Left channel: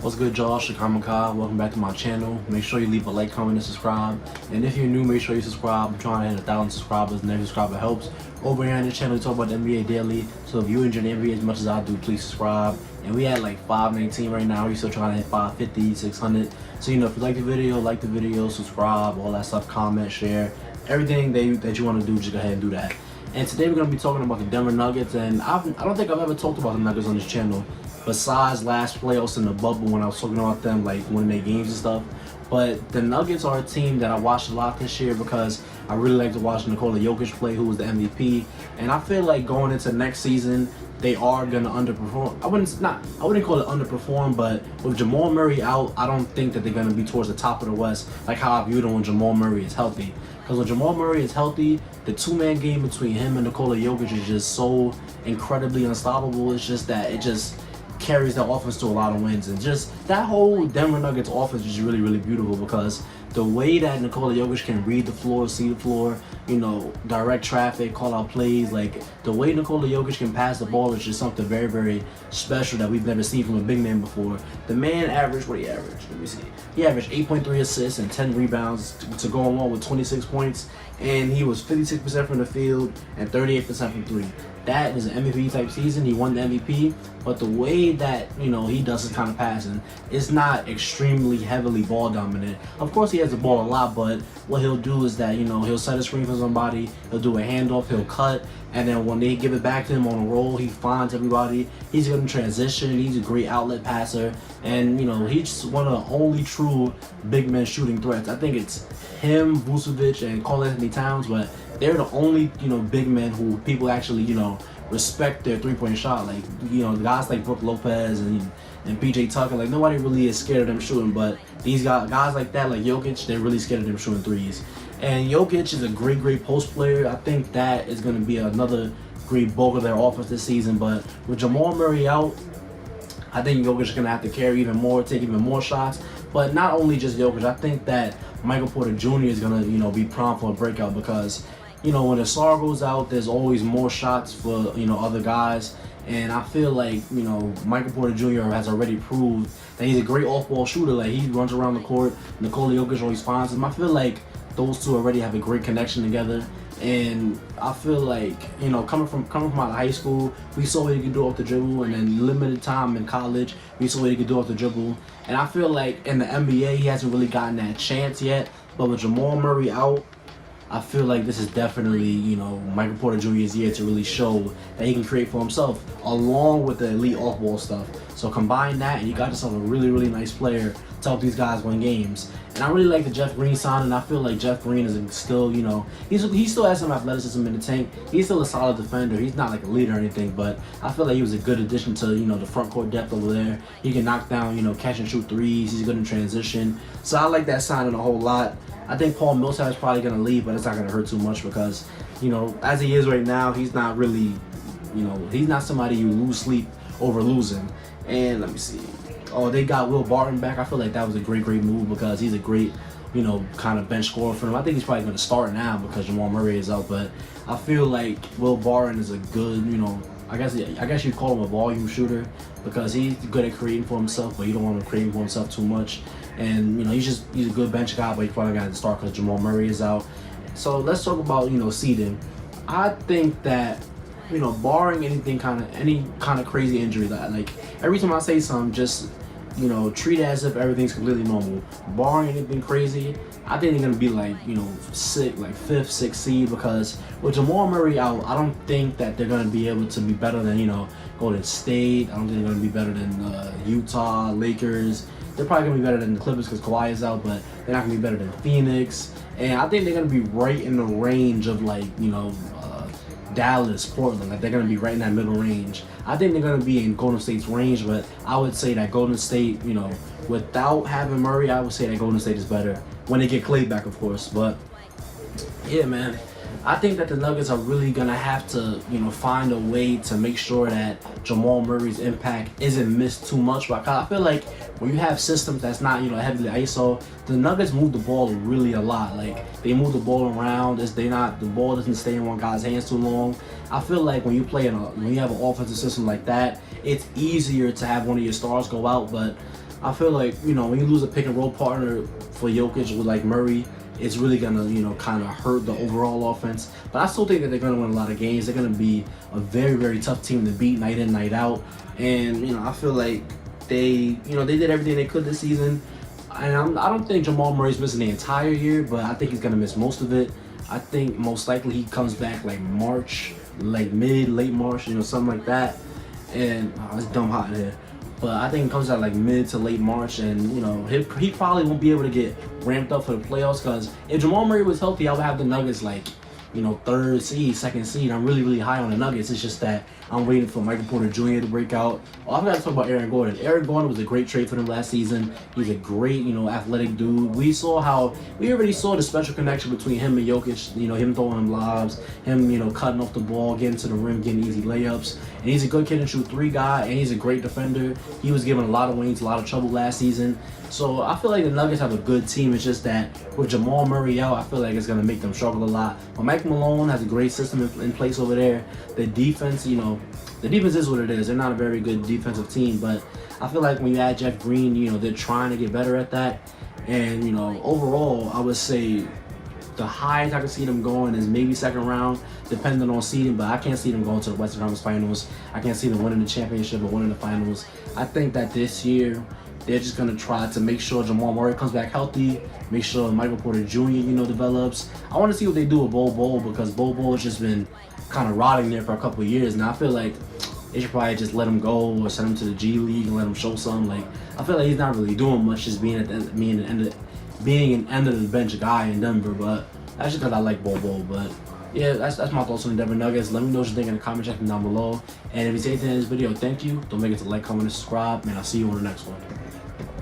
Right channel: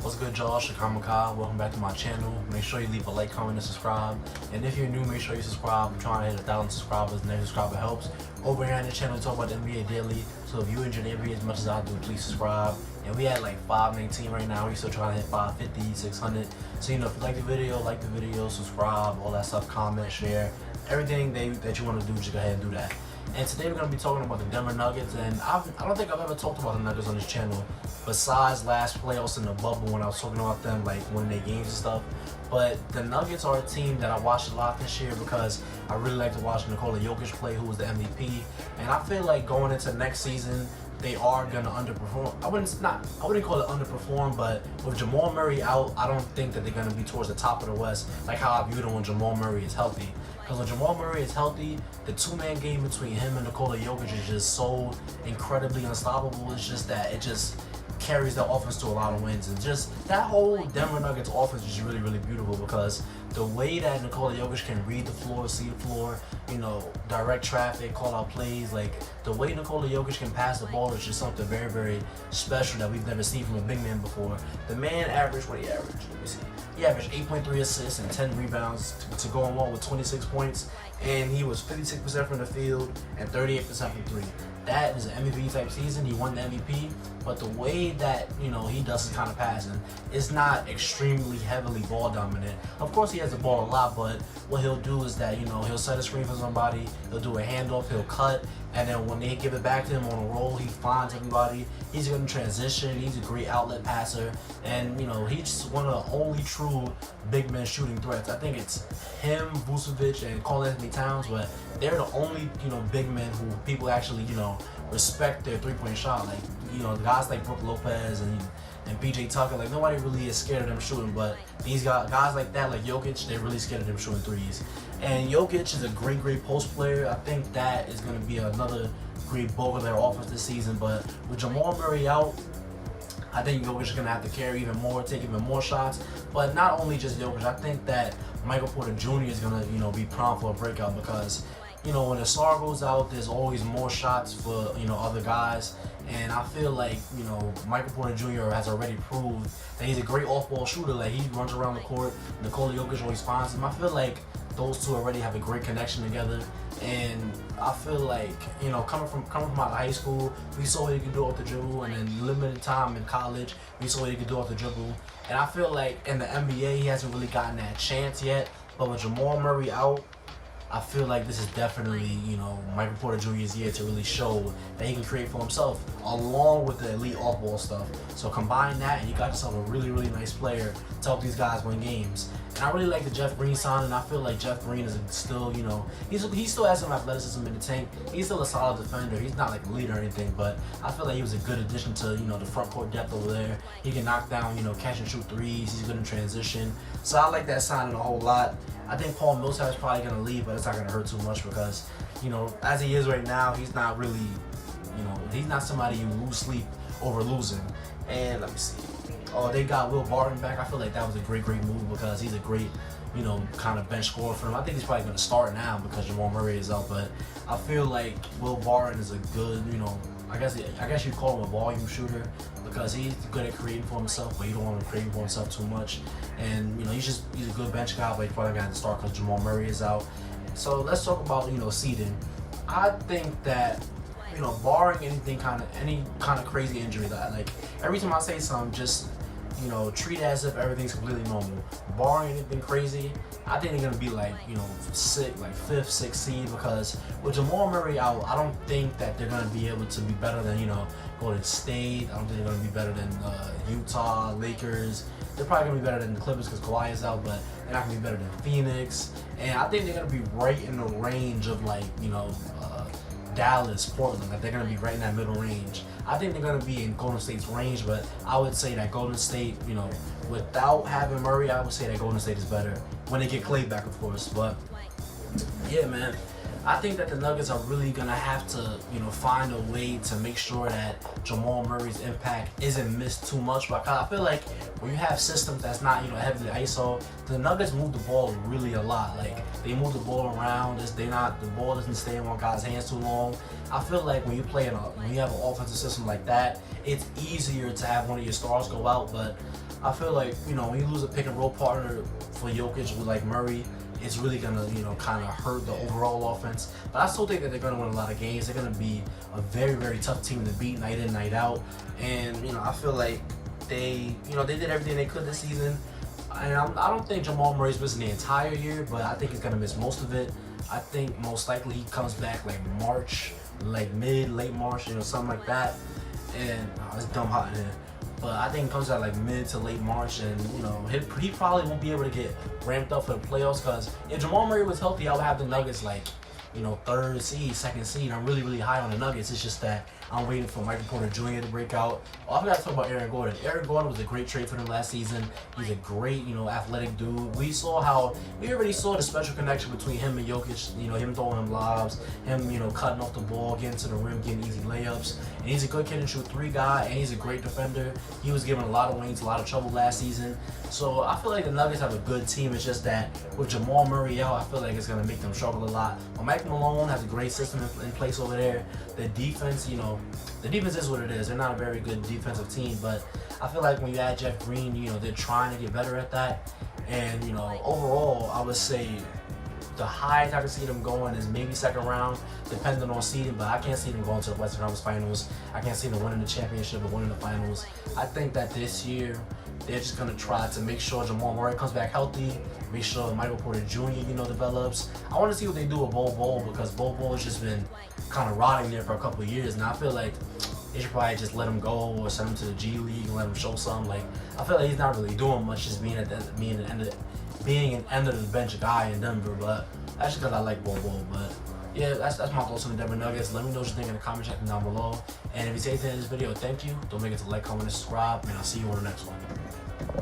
What's good, y'all? Shakamaka. Welcome back to my channel. Make sure you leave a like, comment, and subscribe. And if you're new, make sure you subscribe. I'm trying to hit 1,000 subscribers, and every subscriber helps. Over here on this channel, we talk about the NBA daily. So if you enjoy the NBA as much as I do, please subscribe. And we at like 519 right now. We're still trying to hit 550, 600. So, if you like the video, subscribe, all that stuff, comment, share. Everything that you want to do, just go ahead and do that. And today we're going to be talking about the Denver Nuggets, and I don't think I've ever talked about the Nuggets on this channel besides last playoffs in the bubble when I was talking about them, like winning their games and stuff. But the Nuggets are a team that I watched a lot this year because I really like to watch Nikola Jokic play, who was the MVP. And I feel like going into next season, they are gonna underperform. I wouldn't call it underperform, but with Jamal Murray out, I don't think that they're gonna be towards the top of the West, like how I view them when Jamal Murray is healthy. Because when Jamal Murray is healthy, the two-man game between him and Nikola Jokic is just so incredibly unstoppable. It's just that it just carries the offense to a lot of wins, and just that whole Denver Nuggets offense is really, really beautiful because the way that Nikola Jokic can read the floor, see the floor, direct traffic, call out plays, like the way Nikola Jokic can pass the ball is just something very, very special that we've never seen from a big man before. The man averaged, what he averaged? Let me see. He averaged 8.3 assists and 10 rebounds to go along with 26 points, and he was 56% from the field and 38% from three. That is an MVP type season. He won the MVP, but the way that he does his kind of passing, it's not extremely heavily ball dominant. Of course, he has the ball a lot, but what he'll do is that he'll set a screen for somebody, he'll do a handoff, he'll cut, and then when they give it back to him on a roll, he finds everybody. He's going to transition. He's a great outlet passer, and he's just one of the only true big men shooting threats. I think it's him, Vucevic, and Karl Anthony Towns, but they're the only big men who people actually respect their three-point shot. Like guys like Brook Lopez and PJ Tucker, like nobody really is scared of them shooting, but these guys like that, like Jokic, they're really scared of them shooting threes. And Jokic is a great post player. I think that is going to be another great bulk of their offense this season. But with Jamal Murray out, I think Jokic is going to have to carry even more, take even more shots. But not only just Jokic, I think that Michael Porter Jr. is going to be prime for a breakout because when the star goes out, there's always more shots for other guys. And I feel like Michael Porter Jr. has already proved that he's a great off-ball shooter. Like he runs around the court. Nikola Jokic always finds him. I feel like those two already have a great connection together. And I feel like coming from out of high school, we saw what he could do off the dribble, and then limited time in college, we saw what he could do off the dribble. And I feel like in the NBA, he hasn't really gotten that chance yet. But with Jamal Murray out, I feel like this is definitely, Michael Porter Jr.'s year to really show that he can create for himself, along with the elite off-ball stuff. So combine that, and you got yourself a really, really nice player to help these guys win games. And I really like the Jeff Green signing. I feel like Jeff Green is still, he still has some athleticism in the tank. He's still a solid defender. He's not like a leader or anything, but I feel like he was a good addition to, the front court depth over there. He can knock down, catch and shoot threes. He's good in transition. So I like that signing a whole lot. I think Paul Millsap is probably going to leave, but it's not going to hurt too much because, as he is right now, he's not really, he's not somebody you lose sleep over losing. And let me see. Oh, they got Will Barton back. I feel like that was a great move because he's a great, kind of bench scorer for them. I think he's probably going to start now because Jamal Murray is out, but I feel like Will Barton is a good, I guess you'd call him a volume shooter because he's good at creating for himself, but you don't want him creating for himself too much. And he's a good bench guy, but he's probably got to start because Jamal Murray is out. So let's talk about seeding. I think that barring any kind of crazy injury, that like every time I say something, just treat it as if everything's completely normal. Barring anything crazy, I think they're gonna be like fifth, sixth seed because with Jamal Murray out, I don't think that they're gonna be able to be better than Golden State. I don't think they're gonna be better than Utah, Lakers. They're probably gonna be better than the Clippers because Kawhi is out, but they're not gonna be better than Phoenix. And I think they're gonna be right in the range of Dallas, Portland. Like they're gonna be right in that middle range. I think they're gonna be in Golden State's range, but I would say that Golden State, without having Murray, I would say that Golden State is better when they get Clay back, of course. But yeah, man, I think that the Nuggets are really gonna have to, find a way to make sure that Jamal Murray's impact isn't missed too much. But I feel like when you have systems that's not, heavily ISO, the Nuggets move the ball really a lot. Like they move the ball around. The ball doesn't stay in one guy's hands too long. I feel like when you have an offensive system like that, it's easier to have one of your stars go out. But I feel like, when you lose a pick and roll partner for Jokic with like Murray, it's really gonna, kind of hurt the overall offense. But I still think that they're gonna win a lot of games. They're gonna be a very, very tough team to beat night in, night out. And I feel like they did everything they could this season. And I don't think Jamal Murray's missing the entire year, but I think he's gonna miss most of it. I think most likely he comes back like March, like late March, something like that. And it's dumb hot in here. But I think it comes out like mid to late March, and he probably won't be able to get ramped up for the playoffs, because if Jamal Murray was healthy, I would have the Nuggets like third seed, second seed. I'm really, really high on the Nuggets. It's just that I'm waiting for Michael Porter Jr. to break out. Oh, I forgot to talk about Aaron Gordon. Aaron Gordon was a great trade for them last season. He's a great, athletic dude. We already saw the special connection between him and Jokic. Him throwing him lobs, him, cutting off the ball, getting to the rim, getting easy layups. And he's a good kid and shoot three guy, and he's a great defender. He was giving a lot of wings, a lot of trouble last season. So I feel like the Nuggets have a good team. It's just that with Jamal Murray out, I feel like it's going to make them struggle a lot. But Mike Malone has a great system in place over there. The defense, the defense is what it is. They're not a very good defensive team, but I feel like when you add Jeff Green, they're trying to get better at that. And, overall, I would say the highest I can see them going is maybe second round, depending on seeding, but I can't see them going to the Western Conference Finals. I can't see them winning the championship or winning the finals. I think that this year, they're just going to try to make sure Jamal Murray comes back healthy, make sure Michael Porter Jr., develops. I want to see what they do with Bol, because Bol has just been kind of rotting there for a couple of years. Now, I feel like they should probably just let him go or send him to the G League and let him show something. Like, I feel like he's not really doing much, just being an end of the bench guy in Denver. But that's just because I like Bol. But yeah, that's my thoughts on the Denver Nuggets. Let me know what you think in the comment section down below. And if you say anything in this video, thank you. Don't forget to like, comment, and subscribe. And I'll see you on the next one.